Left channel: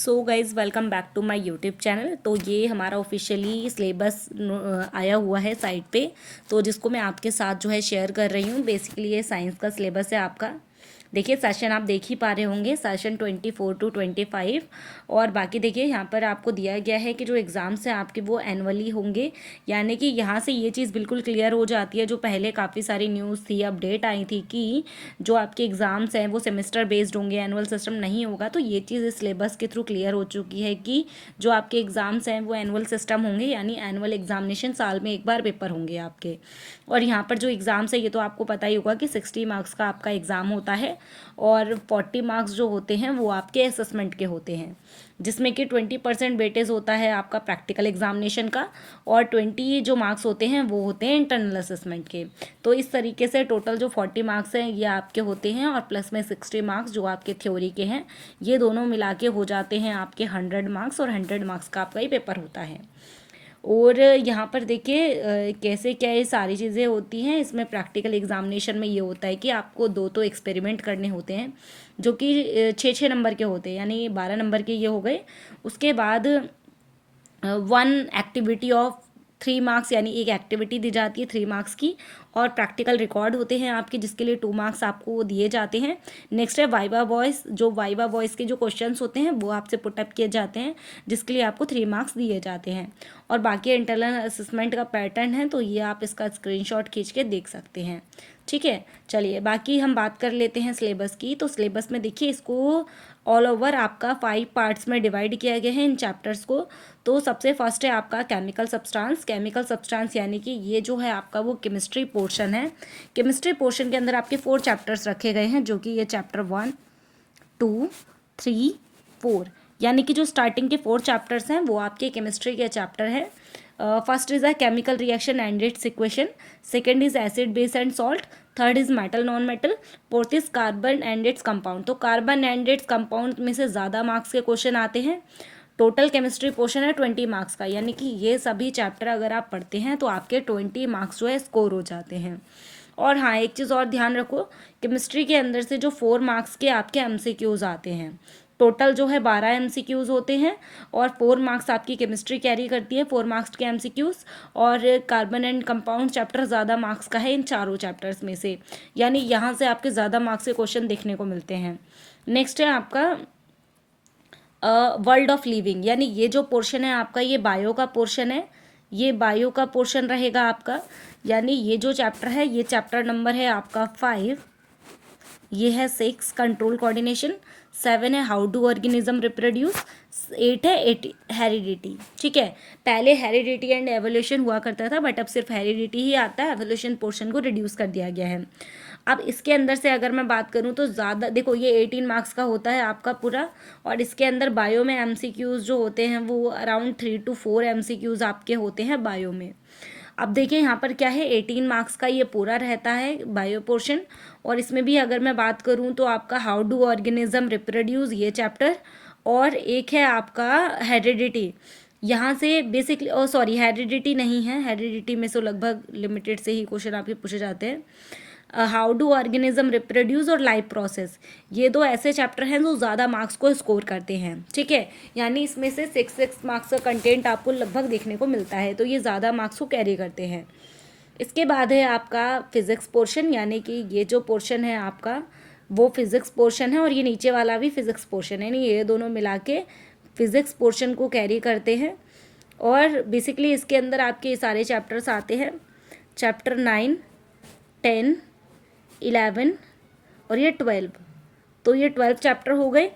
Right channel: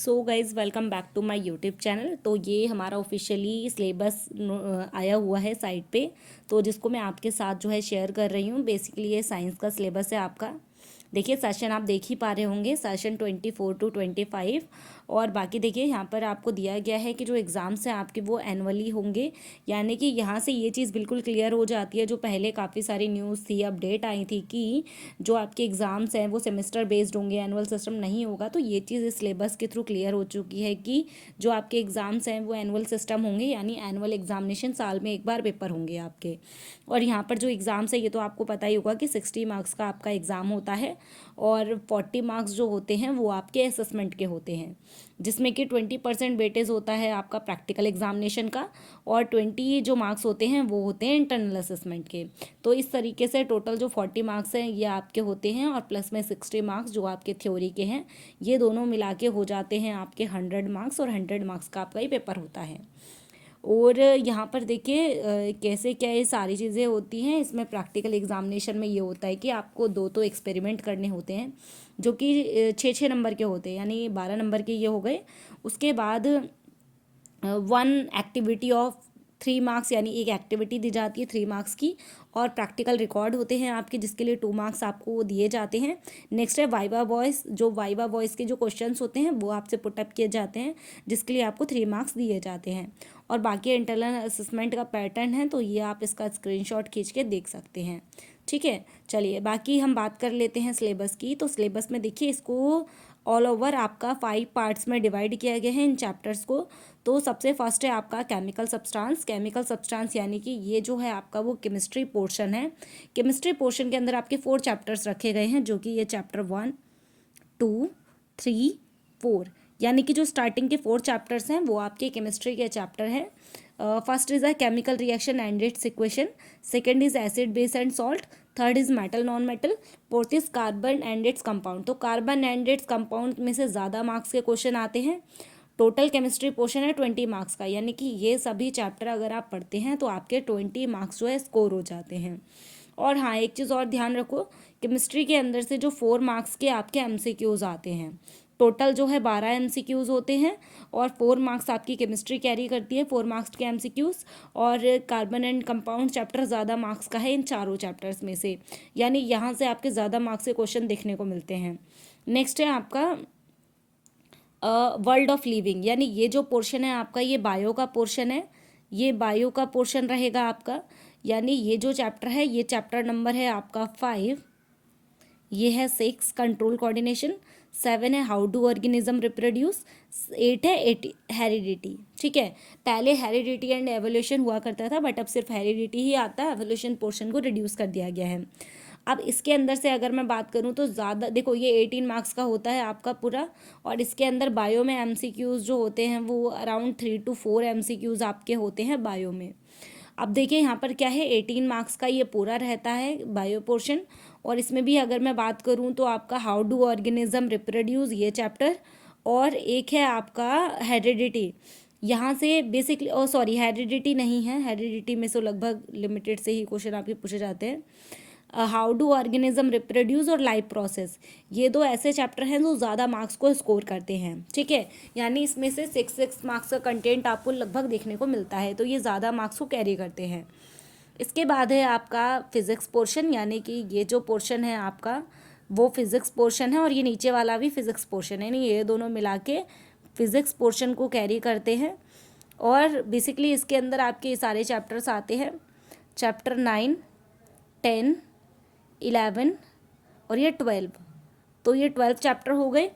So guys welcome back to my YouTube channel. तो ये हमारा ऑफिशियली सिलेबस आया हुआ है साइट पे, तो जिसको मैं आपके साथ जो है शेयर कर रही हूँ। बेसिकली ये साइंस का सिलेबस है आपका। देखिए सेशन आप देख ही पा रहे होंगे, सेशन 24 to 25। और बाकी देखिए यहाँ पर आपको दिया गया है कि जो एग्ज़ाम्स हैं आपके वो एनुअली होंगे, यानी कि यहाँ से ये चीज़ बिल्कुल क्लियर हो जाती है। जो पहले काफ़ी सारी न्यूज़ थी, अपडेट आई थी कि जो आपके एग्ज़ाम्स हैं वो सेमेस्टर बेस्ड होंगे, एनुअल सिस्टम नहीं होगा। तो ये चीज़ इस सिलेबस के थ्रू क्लियर हो चुकी है कि जो आपके एग्ज़ाम्स हैं वो एनुअल सिस्टम होंगे, यानी एनुअल एग्जामिनेशन, साल में एक बार पेपर होंगे आपके। और यहाँ पर जो एग्ज़ाम्स है ये तो आपको पता ही होगा कि 60 मार्क्स का आपका एग्ज़ाम होता है और 40 मार्क्स जो होते हैं वो आपके असेसमेंट के होते हैं, जिसमें कि 20% वेटेज होता है आपका प्रैक्टिकल एग्जामिनेशन का और 20 जो मार्क्स होते हैं वो होते हैं इंटरनल असेसमेंट के। तो इस तरीके से टोटल जो 40 मार्क्स हैं ये आपके होते हैं और प्लस में 60 मार्क्स जो आपके थ्योरी के हैं, ये दोनों मिला के हो जाते हैं आपके 100 मार्क्स, और 100 मार्क्स का आपका ही पेपर होता है। और यहाँ पर देखिए कैसे क्या ये सारी चीज़ें होती हैं। इसमें प्रैक्टिकल एग्जामिनेशन में ये होता है कि आपको दो तो एक्सपेरिमेंट करने होते हैं, जो कि 6-6 नंबर के होते हैं, यानी 12 नंबर के ये हो गए। उसके बाद वन एक्टिविटी ऑफ 3 मार्क्स, यानी एक एक्टिविटी दी जाती है 3 मार्क्स की, और प्रैक्टिकल रिकॉर्ड होते हैं आपके, जिसके लिए 2 मार्क्स आपको वो दिए जाते हैं। नेक्स्ट है वाइवा वॉइस। जो वाइवा वॉइस के जो क्वेश्चंस होते हैं वो आपसे पुटअप किए जाते हैं, जिसके लिए आपको 3 मार्क्स दिए जाते हैं। और बाकी इंटरनल असेसमेंट का पैटर्न है, तो ये आप इसका स्क्रीनशॉट खींच के देख सकते हैं। ठीक है, चलिए बाकी हम बात कर लेते हैं सिलेबस की। तो सिलेबस में देखिए इसको ऑल ओवर आपका 5 पार्ट्स में डिवाइड किया गया है इन चैप्टर्स को। तो सबसे फर्स्ट है आपका केमिकल सब्सटेंस। केमिकल सब्सटेंस यानी कि ये जो है आपका वो केमिस्ट्री पोर्शन है। केमिस्ट्री पोर्शन के अंदर आपके 4 चैप्टर्स रखे गए हैं, जो कि ये चैप्टर 1, 2, 3, 4, यानी कि जो स्टार्टिंग के 4 चैप्टर्स हैं वो आपके केमिस्ट्री के चैप्टर है। First is a chemical reaction and it's equation, second is acid base and salt, third is metal non metal, fourth is carbon and its compound. तो कार्बन एंड इट्स कंपाउंड में से ज़्यादा marks के question आते हैं। Total chemistry portion है 20 marks का, यानी कि ये सभी चैप्टर अगर आप पढ़ते हैं तो आपके 20 मार्क्स जो है स्कोर हो जाते हैं। और हाँ, एक चीज़ और ध्यान रखो, केमिस्ट्री के अंदर से जो 4 मार्क्स के आपके एमसीक्यूज आते हैं, टोटल जो है 12 एमसीक्यूज होते हैं, और 4 मार्क्स आपकी केमिस्ट्री कैरी करती है, 4 मार्क्स के एमसीक्यूज। और कार्बन एंड कंपाउंड चैप्टर ज़्यादा मार्क्स का है इन चारों चैप्टर्स में से, यानी यहाँ से आपके ज़्यादा मार्क्स के क्वेश्चन देखने को मिलते हैं। नेक्स्ट है आपका वर्ल्ड ऑफ लिविंग, यानी ये जो पोर्शन है आपका ये बायो का पोर्शन है। ये बायो का पोर्शन रहेगा आपका, यानी ये जो चैप्टर है ये चैप्टर नंबर है आपका 5। ये है 6 कंट्रोल कोऑर्डिनेशन, 7 है हाउ डू ऑर्गेनिज्म रिप्रोड्यूस, 8 है हेरिडिटी। ठीक है, पहले हेरिडिटी एंड एवोल्यूशन हुआ करता था, बट अब सिर्फ हेरिडिटी ही आता है, एवोल्यूशन पोर्शन को रिड्यूस कर दिया गया है। अब इसके अंदर से अगर मैं बात करूं तो ज़्यादा देखो, ये 18 मार्क्स का होता है आपका पूरा, और इसके अंदर बायो में एमसीक्यूज़ जो होते हैं वो अराउंड 3 to 4 एमसीक्यूज़ आपके होते हैं बायो में। अब देखिए यहाँ पर क्या है, 18 मार्क्स का ये पूरा रहता है बायो पोर्शन। और इसमें भी अगर मैं बात करूँ तो आपका हाउ डू ऑर्गेनिज्म रिप्रोड्यूस ये चैप्टर, और एक है आपका हेरिडिटी। यहाँ से बेसिकली, ओ सॉरी, हेरिडिटी नहीं है, हेरिडिटी में से लगभग लिमिटेड से ही क्वेश्चन आपके पूछे जाते हैं। हाउ डू ऑर्गेनिज्म रिप्रोड्यूस और लाइफ प्रोसेस, ये दो ऐसे चैप्टर हैं जो ज़्यादा मार्क्स को स्कोर करते हैं। ठीक है, यानी इसमें से 6 मार्क्स का कंटेंट आपको लगभग देखने को मिलता है, तो ये ज़्यादा मार्क्स को कैरी करते हैं। इसके बाद है आपका फिज़िक्स पोर्शन, यानी कि ये जो पोर्शन है आपका वो फिज़िक्स पोर्शन है, और ये नीचे वाला भी फिज़िक्स पोर्शन है, यानी ये दोनों मिला के फिज़िक्स पोर्शन को कैरी करते हैं। और बेसिकली इसके अंदर आपके ये सारे चैप्टर्स आते हैं, चैप्टर 9, 10, 11 और ये 12। तो ये 12 चैप्टर हो गए,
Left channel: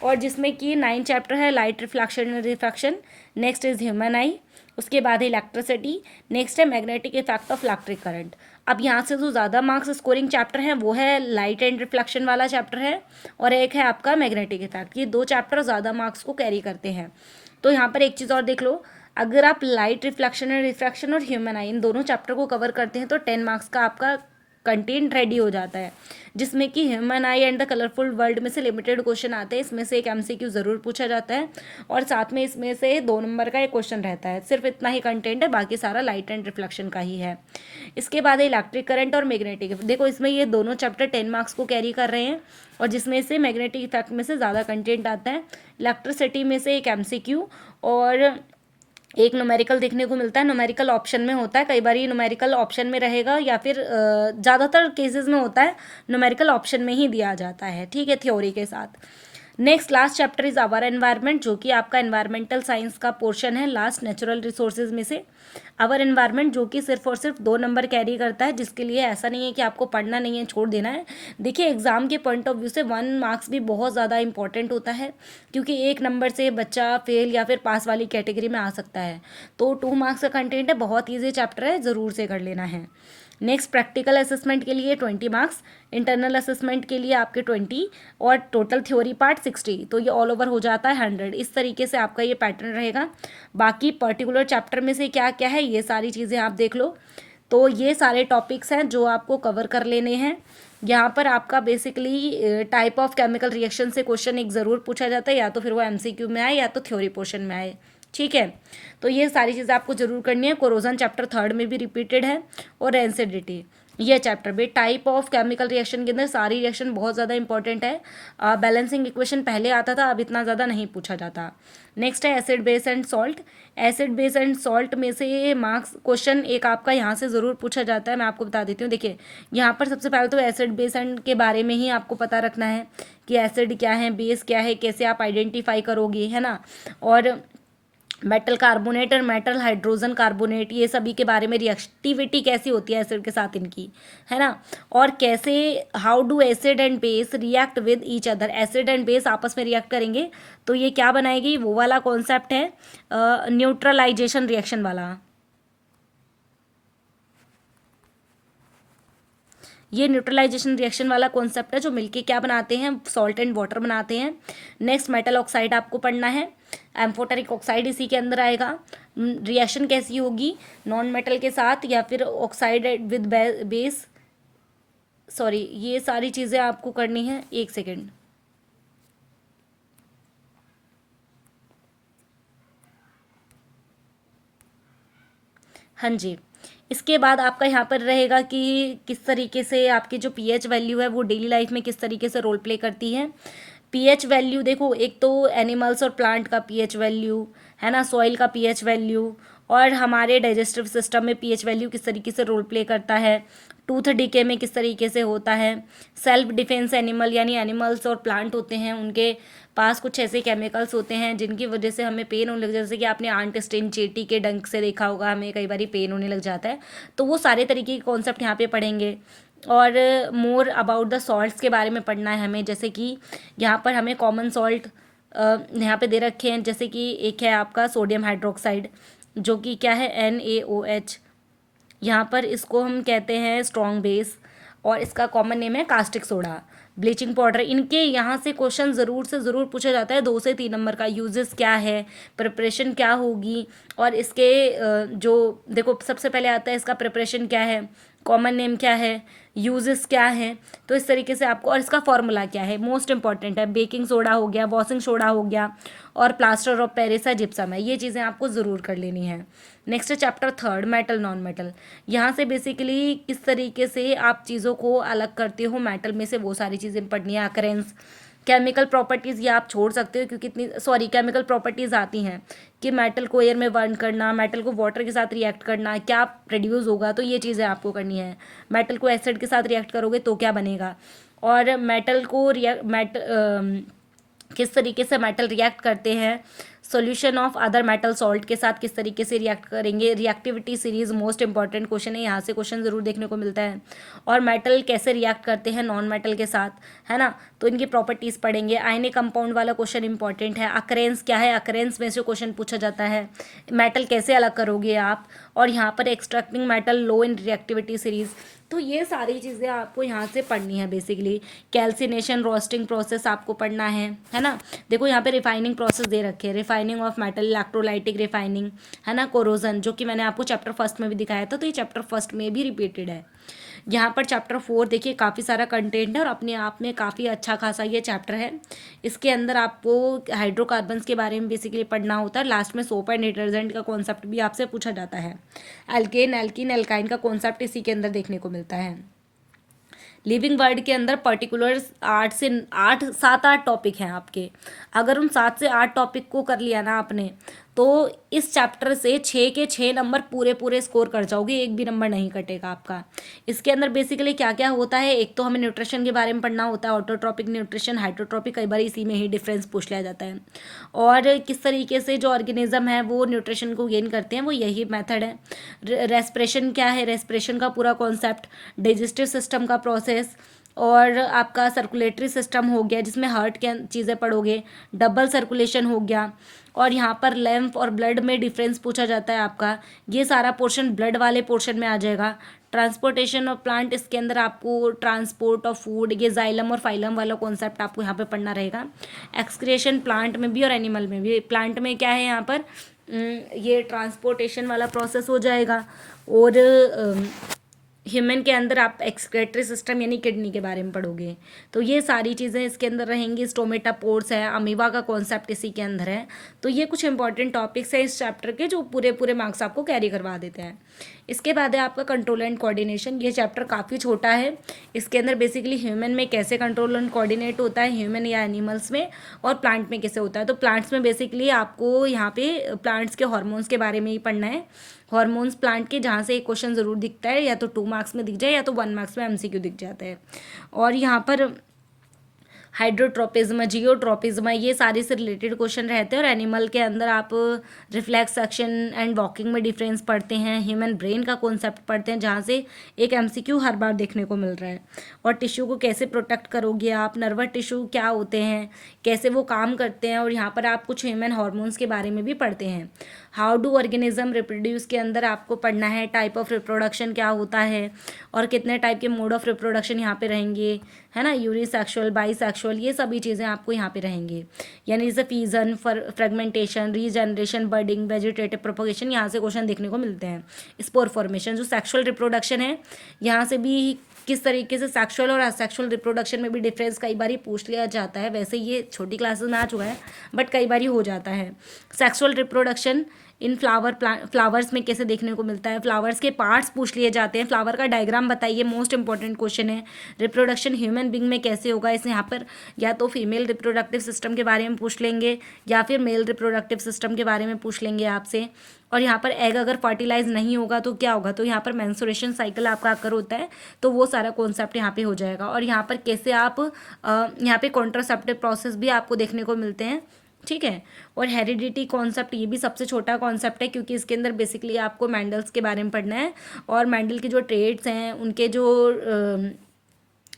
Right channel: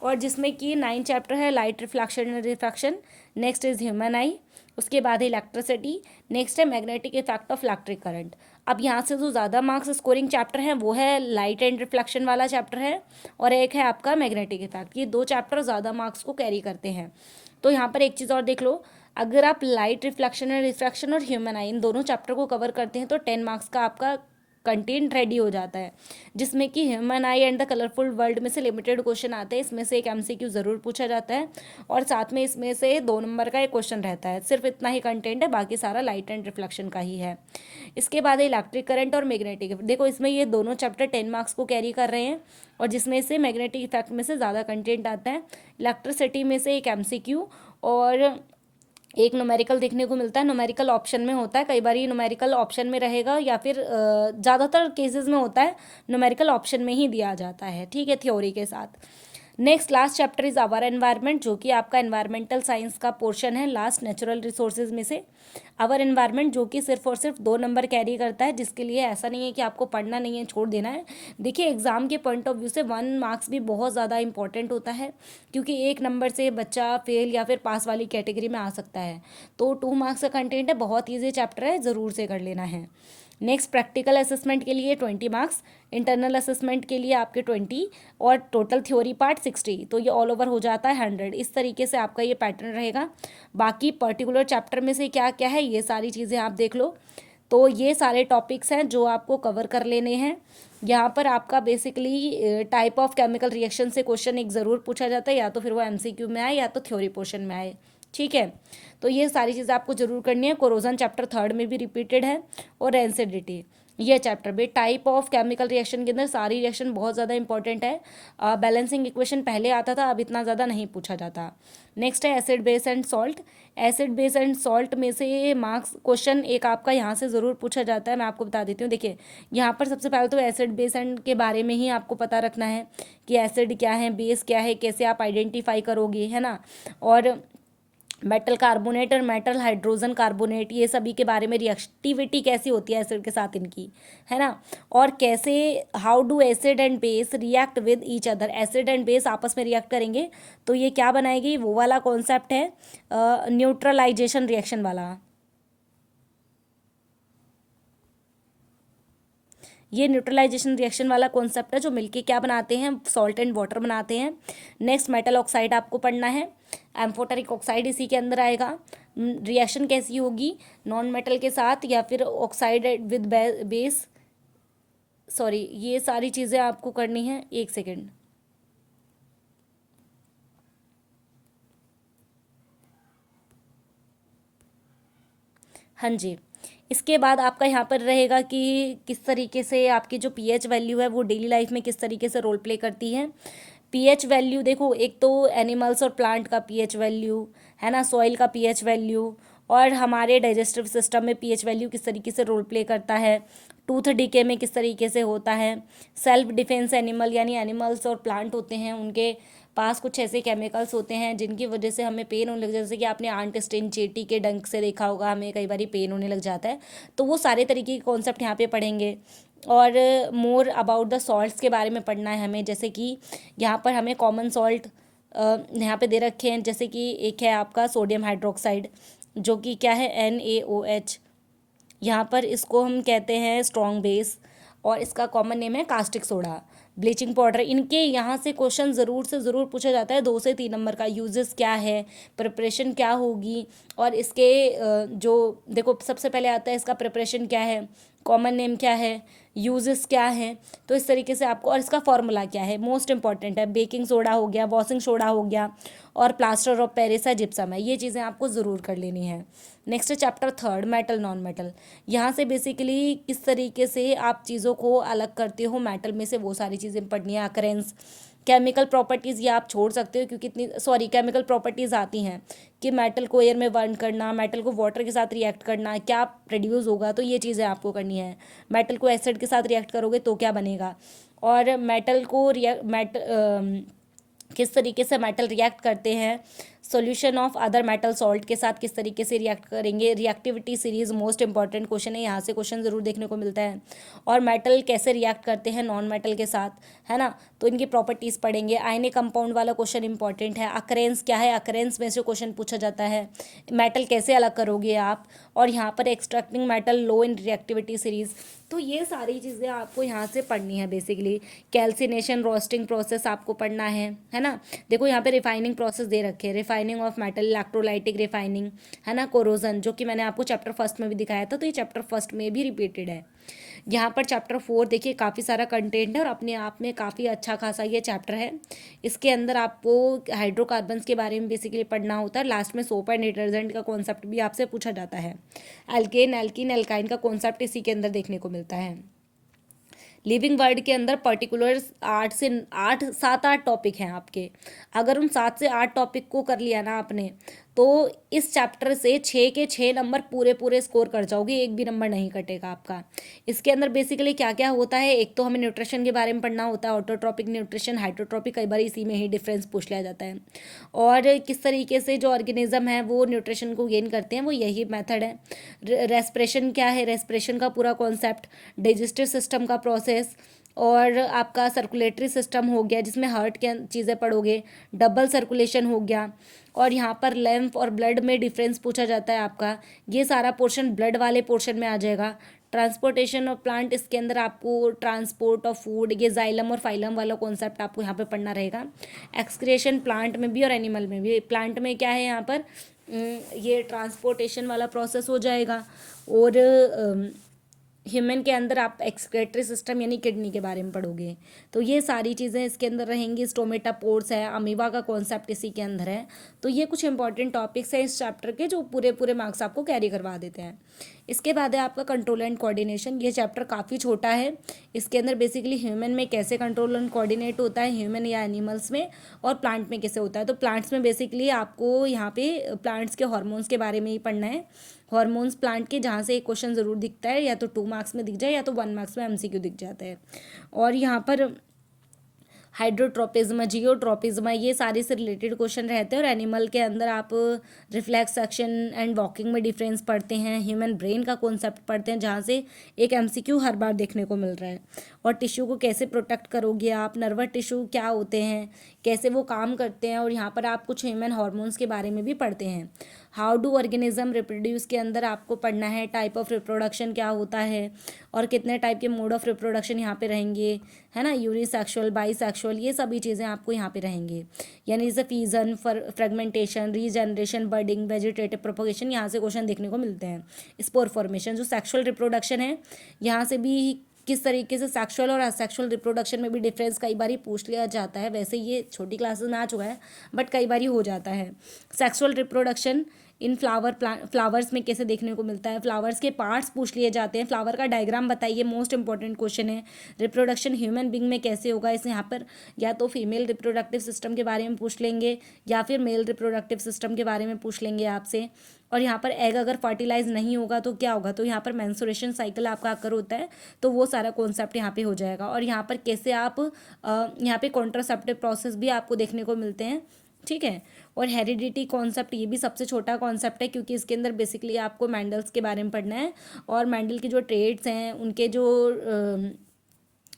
और जिसमें कि 9 चैप्टर है light reflection and refraction, next is human आई, उसके बाद है इलेक्ट्रिसिटी, नेक्स्ट है magnetic effect of electric current. अब यहाँ से जो ज़्यादा मार्क्स स्कोरिंग चैप्टर है वो है लाइट एंड रिफ्लेक्शन वाला चैप्टर है, और एक है आपका मैग्नेटिक इफेक्ट। ये 2 चैप्टर ज़्यादा मार्क्स को कैरी करते हैं। तो यहाँ पर एक चीज़ और देख लो, अगर आप लाइट रिफ्लेक्शन एंड रिफ्रैक्शन और ह्यूमन आई इन दोनों चैप्टर को कवर करते हैं तो 10 मार्क्स का आपका कंटेंट रेडी हो जाता है, जिसमें कि human I and the colourful world में से लिमिटेड क्वेश्चन आते हैं। इसमें से एक एमसीक्यू ज़रूर पूछा जाता है और साथ में इसमें से 2 नंबर का एक क्वेश्चन रहता है। सिर्फ इतना ही कंटेंट है, बाकी सारा लाइट एंड रिफ्लेक्शन का ही है। इसके बाद इलेक्ट्रिक करंट और मैग्नेटिक, देखो इसमें ये दोनों चैप्टर 10 मार्क्स को कैरी कर रहे हैं और जिसमें से मैग्नेटिक इफेक्ट में से ज़्यादा कंटेंट आता है। इलेक्ट्रिसिटी में से एक एमसीक्यू और एक न्यूमेरिकल देखने को मिलता है। न्यूमेरिकल ऑप्शन में होता है, कई बार ये न्यूमेरिकल ऑप्शन में रहेगा या फिर ज़्यादातर केसेस में होता है न्यूमेरिकल ऑप्शन में ही दिया जाता है, ठीक है, थ्योरी के साथ। Next last chapter is our environment, जो कि आपका एनवायरमेंटल साइंस का पोर्शन है, लास्ट नेचुरल रिसोर्सेज में से आवर एनवायरनमेंट, जो कि सिर्फ और सिर्फ 2 नंबर कैरी करता है, जिसके लिए ऐसा नहीं है कि आपको पढ़ना नहीं है, छोड़ देना है। देखिए एग्जाम के पॉइंट ऑफ व्यू से 1 मार्क्स भी बहुत ज़्यादा इंपॉर्टेंट होता है, क्योंकि 1 नंबर से बच्चा फेल या फिर पास वाली कैटेगरी में आ सकता है। तो 2 मार्क्स का कंटेंट है, बहुत ईजी चैप्टर है, ज़रूर से कर लेना है। नेक्स्ट प्रैक्टिकल असेसमेंट के लिए 20 मार्क्स, इंटरनल असेसमेंट के लिए आपके 20 और टोटल थ्योरी पार्ट 60, तो ये ऑल ओवर हो जाता है 100। इस तरीके से आपका ये पैटर्न रहेगा। बाकी पर्टिकुलर चैप्टर में से क्या क्या है ये सारी चीज़ें आप देख लो। तो ये सारे टॉपिक्स हैं जो आपको कवर कर लेने हैं। यहाँ पर आपका basically type of chemical reaction से क्वेश्चन एक ज़रूर पूछा जाता है, या तो फिर वो एमसीक्यू में आए या तो थ्योरी पोर्शन में आए, ठीक है। तो ये सारी चीज़ें आपको जरूर करनी है। कोरोजन चैप्टर 3 में भी रिपीटेड है और एसिडिटी ये चैप्टर भी। टाइप ऑफ केमिकल रिएक्शन के अंदर सारी रिएक्शन बहुत ज़्यादा इंपॉर्टेंट है। बैलेंसिंग इक्वेशन पहले आता था, अब इतना ज़्यादा नहीं पूछा जाता। नेक्स्ट है acid base and salt. Acid base and salt में से मार्क्स क्वेश्चन एक आपका यहाँ से ज़रूर पूछा जाता है, मैं आपको बता देती हूँ। देखिए यहाँ पर सबसे पहले तो एसिड बेस एंड के बारे में ही आपको पता रखना है कि एसिड क्या है, बेस क्या है, कैसे आप आइडेंटिफाई करोगे, है ना। और मेटल कार्बोनेट और मेटल हाइड्रोजन कार्बोनेट ये सभी के बारे में रिएक्टिविटी कैसी होती है एसिड के साथ इनकी, है ना। और कैसे how do acid and base react with each other, acid and base आपस में रिएक्ट करेंगे तो ये क्या बनाएगी, वो वाला कॉन्सेप्ट है न्यूट्रलाइजेशन रिएक्शन वाला। ये न्यूट्रलाइजेशन रिएक्शन वाला कॉन्सेप्ट है जो मिलके क्या बनाते हैं, सॉल्ट एंड वाटर बनाते हैं। नेक्स्ट मेटल ऑक्साइड आपको पढ़ना है, एम्फोटेरिक ऑक्साइड इसी के अंदर आएगा। रिएक्शन कैसी होगी नॉन मेटल के साथ या फिर ऑक्साइड विद बेस, सॉरी ये सारी चीज़ें आपको करनी है। एक सेकेंड, हाँ जी। इसके बाद आपका यहाँ पर रहेगा कि किस तरीके से आपकी जो पीएच वैल्यू है वो डेली लाइफ में किस तरीके से रोल प्ले करती है। पीएच वैल्यू देखो, एक तो एनिमल्स और प्लांट का पीएच वैल्यू है ना, सॉइल का पीएच वैल्यू, और हमारे डाइजेस्टिव सिस्टम में पीएच वैल्यू किस तरीके से रोल प्ले करता है, टूथ डिके में किस तरीके से होता है। सेल्फ डिफेंस एनिमल यानी एनिमल्स और प्लांट होते हैं, उनके पास कुछ ऐसे केमिकल्स होते हैं जिनकी वजह से हमें पेन होने लग जाता है। जैसे कि आपने आंट स्टेन चींटी के डंक से देखा होगा, हमें कई बार पेन होने लग जाता है। तो वो सारे तरीके के कॉन्सेप्ट यहाँ पे पढ़ेंगे। और मोर अबाउट द सॉल्ट्स के बारे में पढ़ना है हमें, जैसे कि यहाँ पर हमें कॉमन सॉल्ट यहाँ पे दे रखे हैं। जैसे कि एक है आपका सोडियम हाइड्रोक्साइड जो कि क्या है NaOH, यहाँ पर इसको हम कहते हैं स्ट्रॉन्ग बेस, और इसका कॉमन नेम है कास्टिक सोडा, ब्लीचिंग पाउडर। इनके यहाँ से क्वेश्चन ज़रूर से ज़रूर पूछा जाता है 2 से 3 नंबर का। यूजेस क्या है, प्रिपरेशन क्या होगी, और इसके जो देखो सबसे पहले आता है इसका प्रिपरेशन क्या है, कॉमन नेम क्या है, यूजेस क्या है। तो इस तरीके से आपको, और इसका फॉर्मूला क्या है, मोस्ट इंपॉर्टेंट है। बेकिंग सोडा हो गया, वॉशिंग सोडा हो गया, और प्लास्टर ऑफ पेरिस है, जिप्सम है। ये चीज़ें आपको ज़रूर कर लेनी है। Next chapter 3 metal non metal. यहाँ से बेसिकली किस तरीके से आप चीज़ों को अलग करते हो मेटल में से, वो सारी चीज़ें पढ़नी है। अकरेंस, केमिकल प्रॉपर्टीज़ ये आप छोड़ सकते हो क्योंकि इतनी केमिकल प्रॉपर्टीज़ आती हैं कि मेटल को एयर में बर्न करना, मेटल को वाटर के साथ रिएक्ट करना, क्या प्रोड्यूस होगा, तो ये चीज़ें आपको करनी है। मेटल को एसिड के साथ रिएक्ट करोगे तो क्या बनेगा, और मेटल को किस तरीके से मेटल रिएक्ट करते हैं, solution of other metal salt के साथ किस तरीके से रिएक्ट करेंगे। Reactivity series most important question है, यहाँ से क्वेश्चन ज़रूर देखने को मिलता है। और मेटल कैसे रिएक्ट करते हैं नॉन मेटल के साथ, है ना, तो इनकी प्रॉपर्टीज़ पढ़ेंगे। आयनिक कंपाउंड वाला क्वेश्चन इंपॉर्टेंट है। अकरेंस क्या है, अकरेंस में से क्वेश्चन पूछा जाता है। मेटल कैसे अलग करोगे आप, और यहाँ पर एक्सट्रैक्टिंग मेटल लो इन रिएक्टिविटी सीरीज। तो ये सारी चीज़ें आपको यहाँ से पढ़नी है। बेसिकली कैल्सिनेशन रोस्टिंग प्रोसेस आपको पढ़ना है ना। देखो यहाँ पे रिफाइनिंग प्रोसेस दे रखे हैं, refining of metal, electrolytic refining, है ना, कोरोजन, जो कि मैंने आपको चैप्टर फर्स्ट में भी दिखाया था, तो ये चैप्टर फर्स्ट में भी रिपीटेड है। यहाँ पर चैप्टर 4 देखिए काफ़ी सारा कंटेंट है और अपने आप में काफ़ी अच्छा खासा ये चैप्टर है। इसके अंदर आपको हाइड्रोकार्बन्स के बारे में बेसिकली पढ़ना होता है। लास्ट में सोप एंड डिटर्जेंट का कॉन्सेप्ट भी आपसे पूछा जाता है। एल्केन, एल्कीन, एल्काइन का कॉन्सेप्ट इसी के अंदर देखने को मिलता है। लिविंग वर्ड के अंदर पर्टिकुलर 7-8 टॉपिक हैं आपके। अगर उन 7 से 8 टॉपिक को कर लिया ना आपने, तो इस चैप्टर से 6 के 6 नंबर पूरे पूरे स्कोर कर जाओगे, एक भी नंबर नहीं कटेगा आपका। इसके अंदर बेसिकली क्या क्या होता है, एक तो हमें न्यूट्रिशन के बारे में पढ़ना होता है, ऑटोट्रॉपिक न्यूट्रिशन, हाइड्रोट्रॉपिक, कई बार इसी में ही डिफरेंस पूछ लिया जाता है। और किस तरीके से जो ऑर्गेनिज्म है वो न्यूट्रिशन को गेन करते हैं, वो यही मेथड है। रेस्पिरेशन क्या है, रेस्पिरेशन का पूरा कॉन्सेप्ट, डाइजेस्टिव सिस्टम का प्रोसेस, और आपका सर्कुलेटरी सिस्टम हो गया जिसमें हार्ट के चीज़ें पढ़ोगे, डबल सर्कुलेशन हो गया, और यहाँ पर लैम्फ और ब्लड में डिफरेंस पूछा जाता है आपका, ये सारा पोर्शन ब्लड वाले पोर्शन में आ जाएगा। ट्रांसपोर्टेशन ऑफ प्लांट, इसके अंदर आपको ट्रांसपोर्ट ऑफ फूड, ये जाइलम और फाइलम वाला कॉन्सेप्ट आपको यहाँ पे पढ़ना रहेगा। एक्सक्रिएशन प्लांट में भी और एनिमल में भी। प्लांट में क्या है यहाँ पर, ये ट्रांसपोर्टेशन वाला प्रोसेस हो जाएगा, और ह्यूमन के अंदर आप एक्सक्रेटरी सिस्टम यानी किडनी के बारे में पढ़ोगे। तो ये सारी चीज़ें इसके अंदर रहेंगी। स्टोमेटा पोर्स है, अमीबा का कॉन्सेप्ट इसी के अंदर है। तो ये कुछ इंपॉर्टेंट टॉपिक्स हैं इस चैप्टर के जो पूरे पूरे मार्क्स आपको कैरी करवा देते हैं। इसके बाद है आपका कंट्रोल एंड कोऑर्डिनेशन। ये चैप्टर काफ़ी छोटा है। इसके अंदर बेसिकली ह्यूमन में कैसे कंट्रोल एंड कोऑर्डिनेट होता है, ह्यूमन या एनिमल्स में, और प्लांट में कैसे होता है। तो प्लांट्स में बेसिकली आपको यहाँ पे प्लांट्स के हार्मोन्स के बारे में ही पढ़ना है। हार्मोन्स प्लांट के, जहाँ से एक क्वेश्चन ज़रूर दिखता है, या तो 2 मार्क्स में दिख जाए या तो 1 मार्क्स में एमसीक्यू दिख जाता है। और यहाँ पर हाइड्रोट्रोपिज्म, जियोट्रोपिज्म, ये सारे से रिलेटेड क्वेश्चन रहते हैं। और एनिमल के अंदर आप रिफ्लेक्स एक्शन एंड वॉकिंग में डिफरेंस पढ़ते हैं, ह्यूमन ब्रेन का कॉन्सेप्ट पढ़ते हैं जहाँ से एक एमसीक्यू हर बार देखने को मिल रहा है। और टिश्यू को कैसे प्रोटेक्ट करोगे आप, नर्वस टिश्यू क्या होते हैं, कैसे वो काम करते हैं, और यहाँ पर आप कुछ ह्यूमन हार्मोन्स के बारे में भी पढ़ते हैं। हाउ डू ऑर्गेनिज्म रिप्रोड्यूस के अंदर आपको पढ़ना है टाइप ऑफ रिप्रोडक्शन क्या होता है, और कितने टाइप के मोड ऑफ रिप्रोडक्शन यहाँ पे रहेंगे, है ना, यूनिसेक्सुअल, बाईसेक्सुअल, ये सभी चीज़ें आपको यहाँ पे रहेंगी। यानी जैसे fission, fragmentation, regeneration, budding, vegetative propagation, यहाँ से क्वेश्चन देखने को मिलते हैं। स्पोर फॉर्मेशन, जो सेक्सुअल रिप्रोडक्शन है, यहाँ से भी किस तरीके से सेक्सुअल और असेक्सुअल रिप्रोडक्शन में भी डिफरेंस कई बार पूछ लिया जाता है। वैसे ये छोटी क्लासेस में आ चुका है, बट कई बार हो जाता है। सेक्सुअल रिप्रोडक्शन इन फ्लावर्स में कैसे देखने को मिलता है, फ्लावर्स के पार्ट्स पूछ लिए जाते हैं, फ्लावर का डायग्राम बताइए, मोस्ट इंपॉर्टेंट क्वेश्चन है। रिप्रोडक्शन ह्यूमन बींग में कैसे होगा, इसे यहाँ पर या तो फीमेल रिप्रोडक्टिव सिस्टम के बारे में पूछ लेंगे या फिर मेल रिप्रोडक्टिव सिस्टम के बारे में पूछ लेंगे आपसे। और यहाँ पर एग अगर फर्टिलाइज नहीं होगा तो क्या होगा, तो यहाँ पर मेंस्ट्रुएशन साइकिल आपका अगर होता है तो वो सारा कॉन्सेप्ट यहाँ पे हो जाएगा। और यहाँ पर कैसे आप यहाँ पे कॉन्ट्रासेप्टिव प्रोसेस भी आपको देखने को मिलते हैं, ठीक है। और हेरिडिटी कॉन्सेप्ट, ये भी सबसे छोटा कॉन्सेप्ट है क्योंकि इसके अंदर बेसिकली आपको मैंडल्स के बारे में पढ़ना है, और मैंडल के जो ट्रेड्स हैं, उनके जो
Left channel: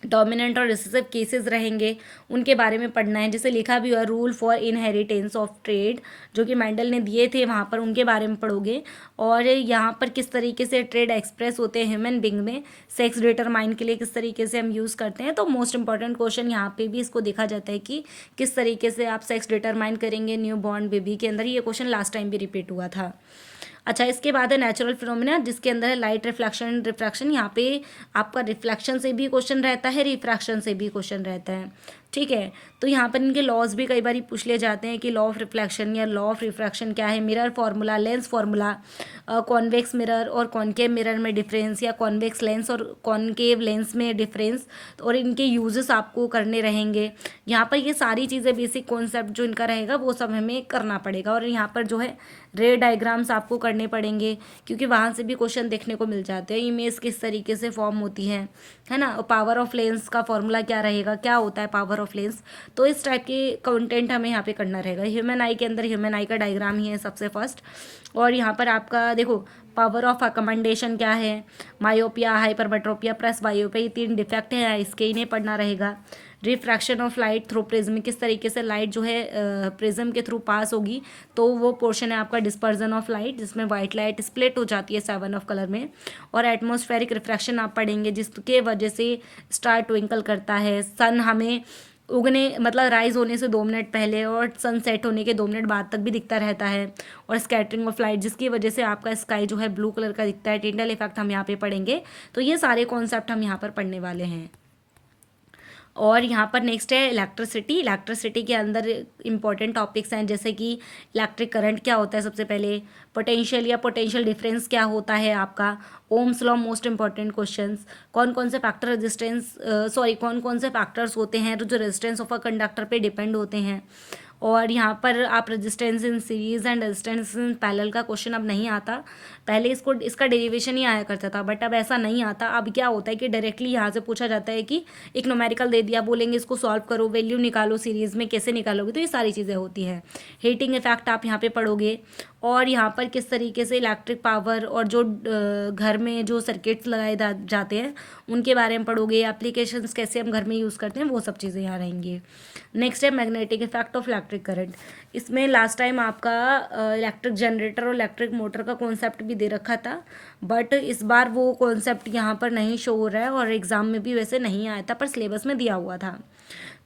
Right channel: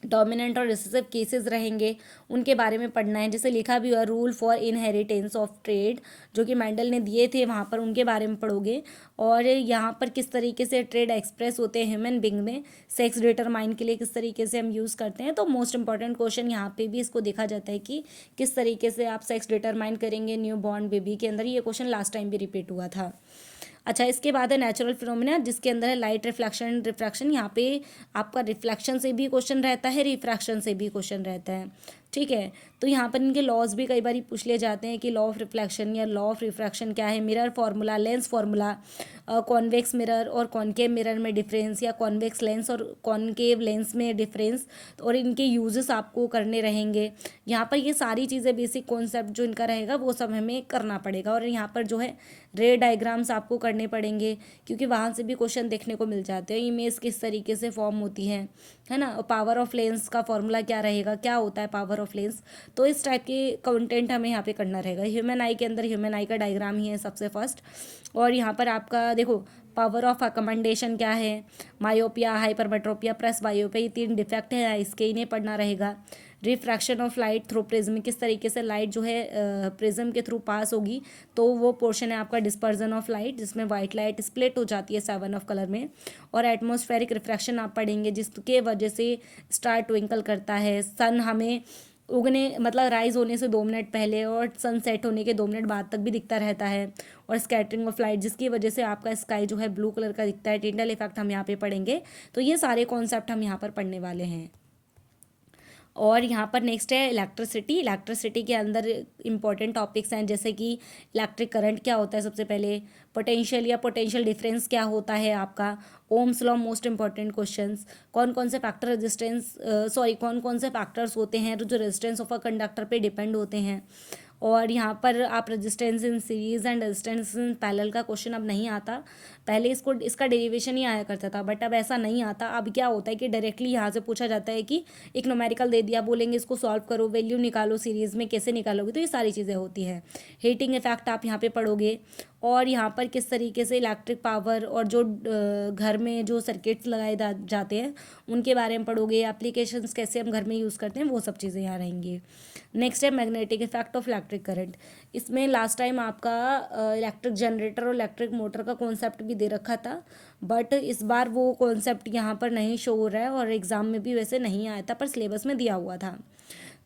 डोमिनेंट और रिसेसिव केसेस रहेंगे उनके बारे में पढ़ना है। जैसे लिखा भी हुआ rule for inheritance of trade, जो कि मैंडल ने दिए थे, वहाँ पर उनके बारे में पढ़ोगे। और यहाँ पर किस तरीके से ट्रेड एक्सप्रेस होते हैं ह्यूमन बींग में, सेक्स डिटरमाइन के लिए किस तरीके से हम यूज़ करते हैं। तो मोस्ट इंपॉर्टेंट क्वेश्चन यहाँ पे भी इसको देखा जाता है कि किस तरीके से आप सेक्स डिटरमाइन करेंगे न्यू बॉर्न बेबी के अंदर। ये क्वेश्चन लास्ट टाइम भी रिपीट हुआ था। अच्छा, इसके बाद है नेचुरल फिनोमिना, जिसके अंदर है लाइट रिफ्लेक्शन, रिफ्रैक्शन। यहाँ पे आपका रिफ्लेक्शन से भी क्वेश्चन रहता है, रिफ्रैक्शन से भी क्वेश्चन रहता है, ठीक है। तो यहाँ पर इनके लॉज भी कई बार पूछ लिए जाते हैं कि लॉ ऑफ रिफ्लेक्शन या लॉ ऑफ रिफ्रैक्शन क्या है, mirror formula, lens formula, convex mirror और कॉनकेव मिरर में डिफरेंस, या कॉन्वेक्स लेंस और कॉनकेव लेंस में डिफरेंस, और इनके यूजेस आपको करने रहेंगे। यहाँ पर ये सारी चीज़ें बेसिक कॉन्सेप्ट जो इनका रहेगा वो सब हमें करना पड़ेगा। और यहाँ पर जो है रे डायग्राम्स आपको करने पड़ेंगे क्योंकि वहाँ से भी क्वेश्चन देखने को मिल जाते हैं। इमेज किस तरीके से फॉर्म होती है ना, और पावर ऑफ लेंस का फॉर्मूला क्या रहेगा, क्या होता है पावर ऑफ लेंस। तो इस टाइप की कंटेंट हमें यहाँ पे करना रहेगा। ह्यूमन आई के अंदर ह्यूमन आई का डायग्राम ही है सबसे फर्स्ट। और यहाँ पर आपका देखो पावर ऑफ अकमेंडेशन क्या है, मायोपिया, हाइपरमेट्रोपिया प्लस वायोपिया, ये 3 डिफेक्ट हैं, इसके इन्हें पढ़ना रहेगा। Refraction of light through prism, किस तरीके से लाइट जो है प्रिज्म के थ्रू पास होगी, तो वो पोर्शन है आपका डिस्पर्जन ऑफ लाइट, जिसमें वाइट लाइट स्प्लिट हो जाती है 7 ऑफ कलर में। और एटमॉस्फेरिक रिफ्रैक्शन आप पढ़ेंगे जिसके वजह से स्टार ट्विंकल करता है, सन हमें उगने मतलब राइज होने से 2 मिनट पहले और सनसेट होने के 2 मिनट बाद तक भी दिखता रहता है, और स्कैटरिंग ऑफ लाइट जिसकी वजह से आपका स्काई जो है ब्लू कलर का दिखता है। टिंडल इफेक्ट हम यहाँ पे पढ़ेंगे। तो ये सारे कॉन्सेप्ट हम यहाँ पर पढ़ने वाले हैं। और यहाँ पर नेक्स्ट है इलेक्ट्रिसिटी। इलेक्ट्रिसिटी के अंदर इंपॉर्टेंट टॉपिक्स हैं जैसे कि इलेक्ट्रिक करंट क्या होता है, सबसे पहले पोटेंशियल या पोटेंशियल डिफरेंस क्या होता है आपका, Ohm's law, most important questions, कौन कौन से फैक्टर रेजिस्टेंस कौन कौन से फैक्टर्स होते हैं जो रेजिस्टेंस ऑफ अ कंडक्टर पे डिपेंड होते हैं। और यहाँ पर आप resistance in series and resistance in parallel का क्वेश्चन अब नहीं आता। पहले इसका डेरिवेशन ही आया करता था, बट अब ऐसा नहीं आता। अब क्या होता है कि डायरेक्टली यहाँ से पूछा जाता है कि एक न्यूमेरिकल दे दिया, बोलेंगे इसको सॉल्व करो, वैल्यू निकालो सीरीज में, कैसे निकालोगे। तो ये सारी चीज़ें होती हैं। हीटिंग इफेक्ट आप यहाँ पे पढ़ोगे, और यहाँ पर किस तरीके से इलेक्ट्रिक पावर और जो घर में जो सर्किट्स लगाए जाते हैं उनके बारे में पढ़ोगे। एप्लीकेशंस कैसे हम घर में यूज़ करते हैं, वो सब चीज़ें यहाँ रहेंगी। नेक्स्ट है magnetic effect of electric current. इसमें लास्ट टाइम आपका इलेक्ट्रिक जनरेटर और इलेक्ट्रिक मोटर का कॉन्सेप्ट भी दे रखा था, बट इस बार वो कॉन्सेप्ट यहाँ पर नहीं शो हो रहा है और एग्ज़ाम में भी वैसे नहीं आया था, पर सिलेबस में दिया हुआ था।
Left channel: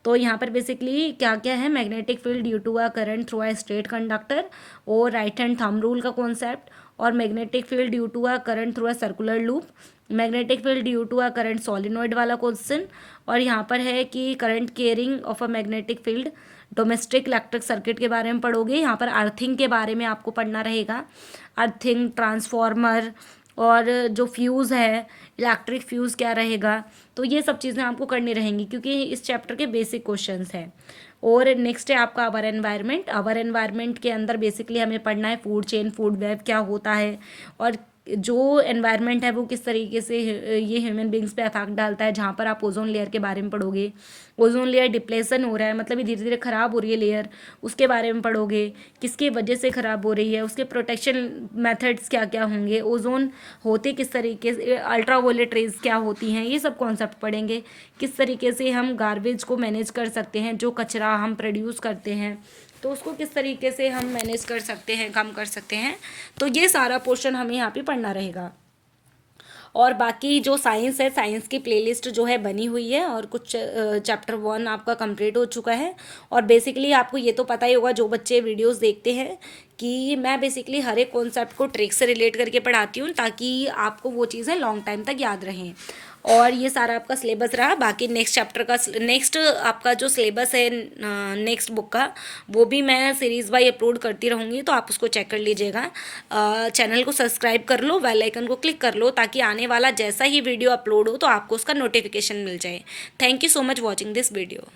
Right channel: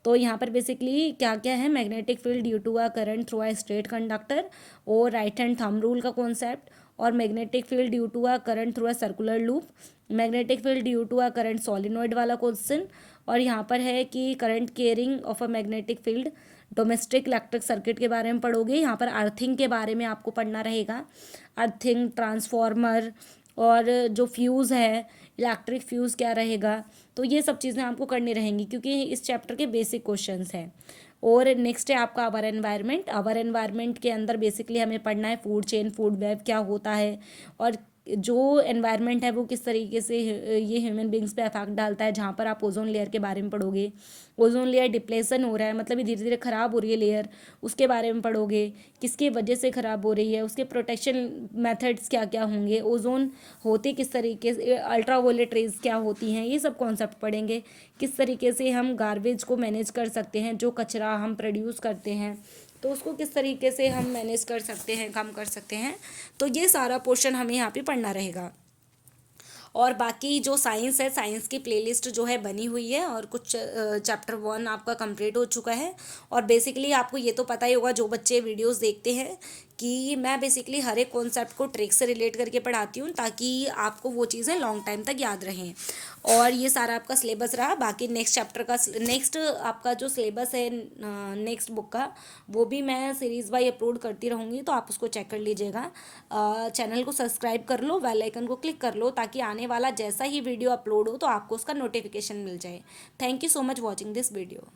तो यहाँ पर बेसिकली क्या क्या है, magnetic field due to a current through a straight conductor, और राइट हैंड थंब रूल का कॉन्सेप्ट, और magnetic field due to a current through a circular loop, magnetic field due to a current solenoid वाला question. और यहाँ पर है कि current caring of a magnetic field, domestic electric circuit के बारे में पढ़ोगे। यहाँ पर अर्थिंग के बारे में आपको पढ़ना रहेगा, अर्थिंग, ट्रांसफॉर्मर, और जो फ्यूज़ है इलेक्ट्रिक फ्यूज़ क्या रहेगा। तो ये सब चीज़ें आपको करनी रहेंगी क्योंकि इस चैप्टर के बेसिक क्वेश्चंस हैं। और नेक्स्ट है आपका आवर एनवायरनमेंट। आवर एनवायरनमेंट के अंदर बेसिकली हमें पढ़ना है फूड चेन, फूड वेब क्या होता है, और जो एनवायरनमेंट है वो किस तरीके से ये ह्यूमन बींग्स पे अफेक्ट डालता है। जहाँ पर आप ओजोन लेयर के बारे में पढ़ोगे, ओजोन लेयर डिप्लेशन हो रहा है, मतलब ये धीरे धीरे ख़राब हो रही है लेयर, उसके बारे में पढ़ोगे, किसकी वजह से ख़राब हो रही है, उसके प्रोटेक्शन मेथड्स क्या क्या होंगे, ओजोन होते किस तरीके से, अल्ट्रावायलेट रेज क्या होती हैं, ये सब कॉन्सेप्ट पढ़ेंगे। किस तरीके से हम गार्बेज को मैनेज कर सकते हैं, जो कचरा हम प्रोड्यूस करते हैं तो उसको किस तरीके से हम मैनेज कर सकते हैं, कम कर सकते हैं। तो ये सारा पोर्शन हमें यहाँ पे पढ़ना रहेगा। और बाकी जो साइंस है, साइंस की प्लेलिस्ट जो है बनी हुई है, और कुछ चैप्टर 1 आपका कंप्लीट हो चुका है। और बेसिकली आपको ये तो पता ही होगा जो बच्चे वीडियोस देखते हैं कि मैं बेसिकली हर एक कॉन्सेप्ट को ट्रिक से रिलेट करके पढ़ाती हूँ ताकि आपको वो चीज़ें लॉन्ग टाइम तक याद रहें। और ये सारा आपका सिलेबस रहा। बाकी नेक्स्ट चैप्टर का नेक्स्ट आपका जो सिलेबस है नेक्स्ट बुक का, वो भी मैं सीरीज़ वाइज अपलोड करती रहूँगी, तो आप उसको चेक कर लीजिएगा। चैनल को सब्सक्राइब कर लो, बेल आइकन को क्लिक कर लो ताकि आने वाला जैसा ही वीडियो अपलोड हो तो आपको उसका नोटिफिकेशन मिल जाए। Thank you so much watching this video.